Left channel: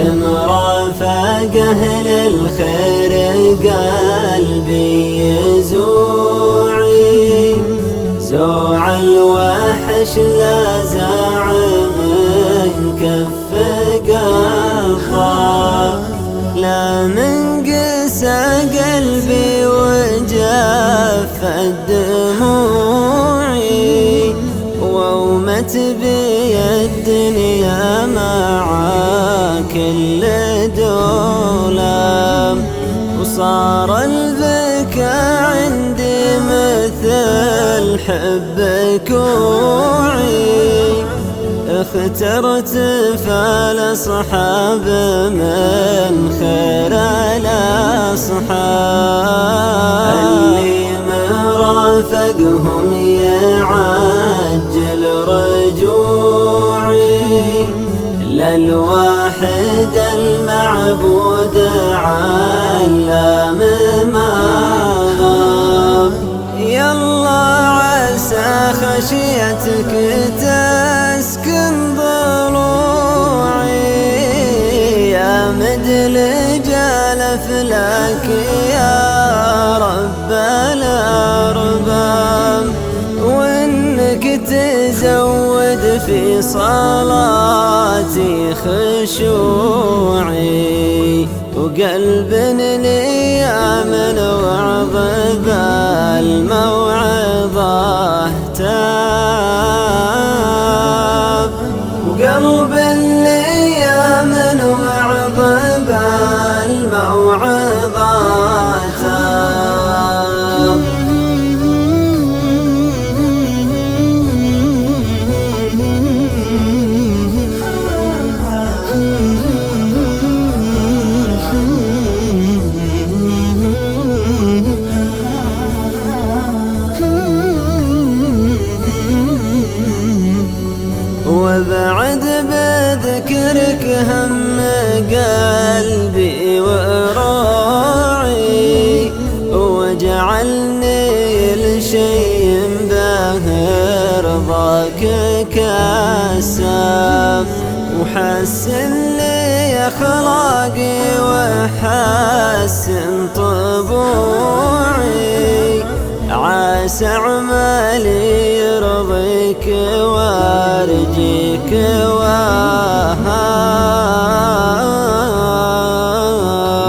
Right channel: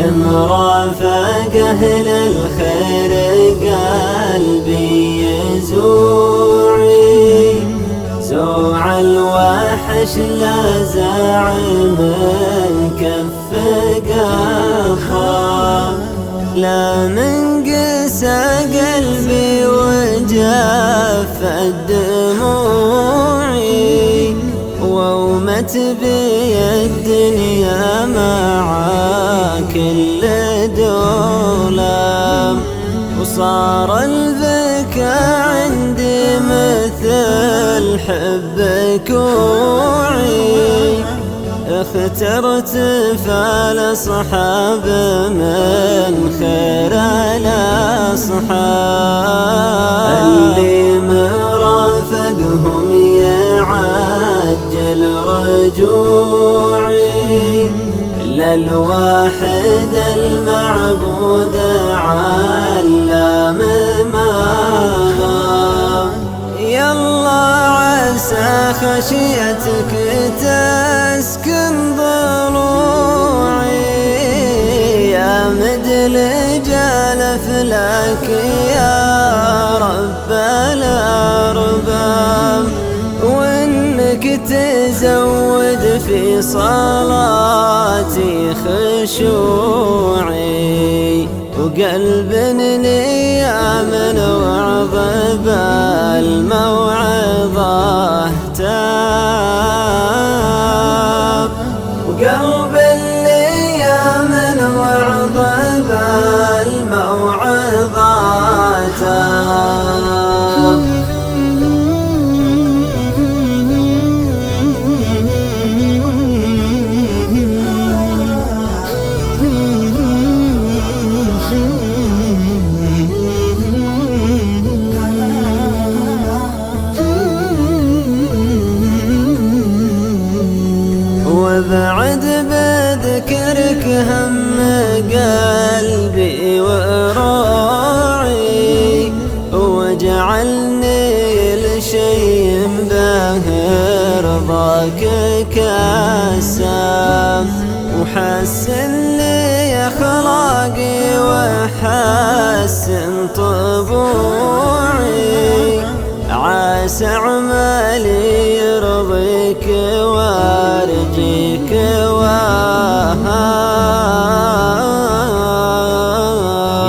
لمرافق أهل الخير قلبي يزوعي، سوع الوحش لا زعم كف قخا، لا من قسى قلبي وجف دموعي، وومت بي الدنيا مع كل دولة، وصار البكاء عندي مثل حبك وعي، اخترت فالأصحاب من خير الأصحاب، اللي مرافقهم يعجل رجوعي، للواحد المعبود علام ما، يلا عسى خشيتك تسكن ضلوعي، يا مدلجال فلك يا رب الأرباب، وإنك تزود في صلاتي خشوعي، وقلب لي من وعظ بالموعظة تاب، وقلب لي من وعظ بالموعظة تاب. وبعد بذكرك هم قلبي وراعي، وجعلني لشيء به رضاك كساب، وحسن لي أخلاقي وحسن طبوعي، عسى عمالي يرضيك وارجيك وهاب،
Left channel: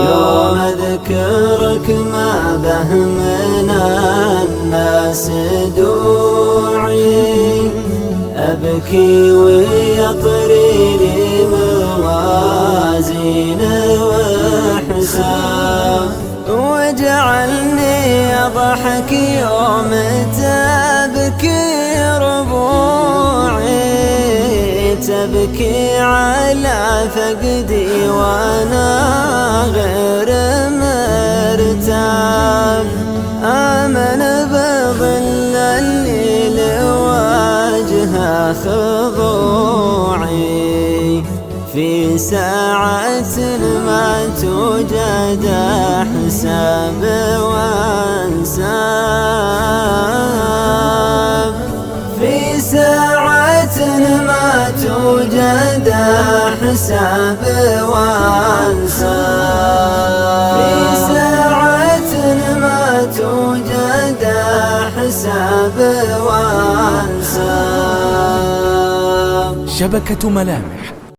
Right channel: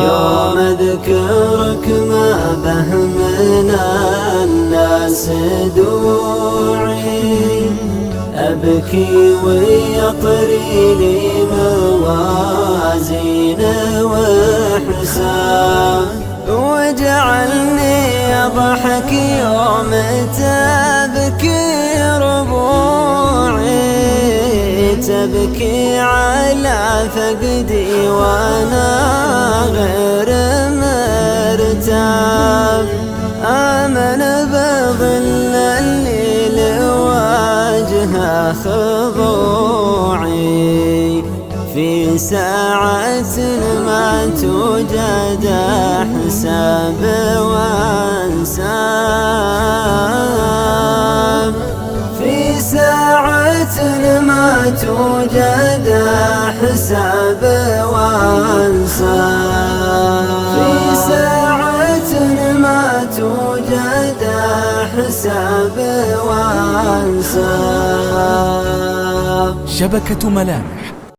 يوم اذكرك ما به من الناس دوعي، أبكي ويطري لي موازين وحساب، وجعلني أضحك يوم تبكي ربوعي، تبكي على فقدي وأنا غير مرتاب، آمن بظل الليل وجه خضوعي، في ساعة ما توجد حساب وانساب، في ساعة ما توجد حساب وانساب، في ساعة ما توجد حساب وانساب. شبكة ملامح